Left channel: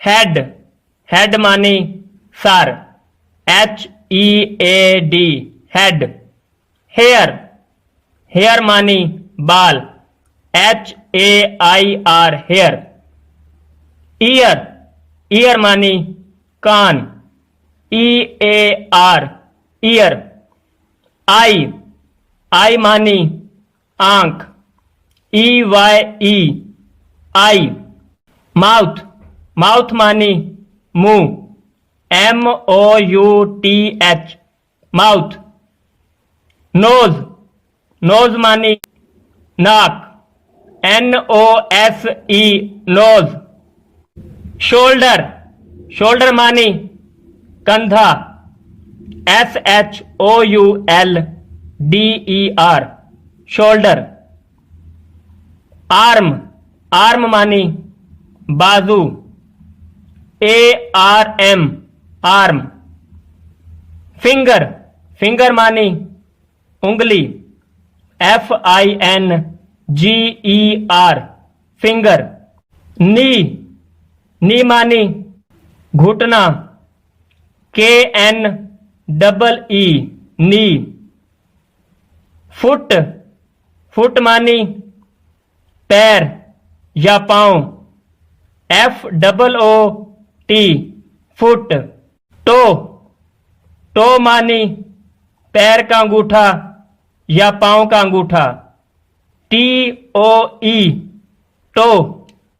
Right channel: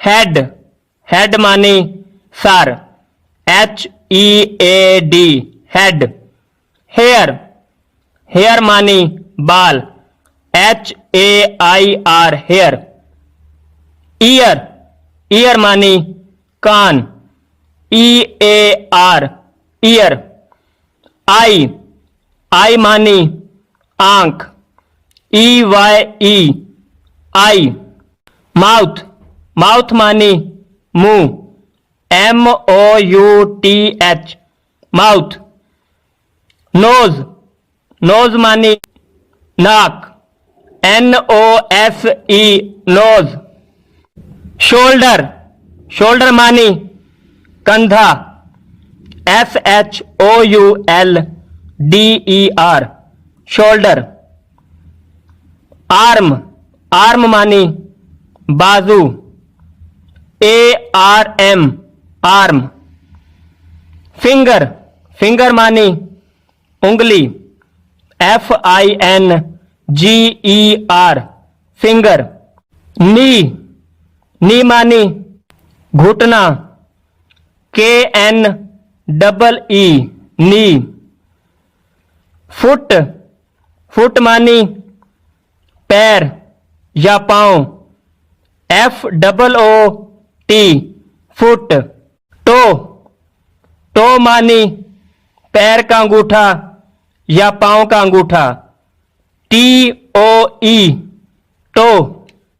Head, head मानी सर, HEAD head. Hair, hair मानी बाल, HAIR हेयर। ईयर, ईयर मानी कान, EAR ईयर। आई, आई मानी आंख, EYE आई। माउथ, माउथ मानी मुंह, MOUTH माउथ। नोज, नोज मानी नाक, NOSE नोज। शोल्डर, शोल्डर मानी कंधा, SHOULDER शोल्डर। आर्म, आर्म मानी बाजू, ARM आर्म। फिंगर, फिंगर मानी उंगली, FINGER फिंगर। नी, नी मानी घुटना, KNEE नी। फुट, फुट मानी पैर या पांव, FOOT फुट। टो, टो मानी पैर का अंगूठा या पांव का अंगूठा, TOE टो।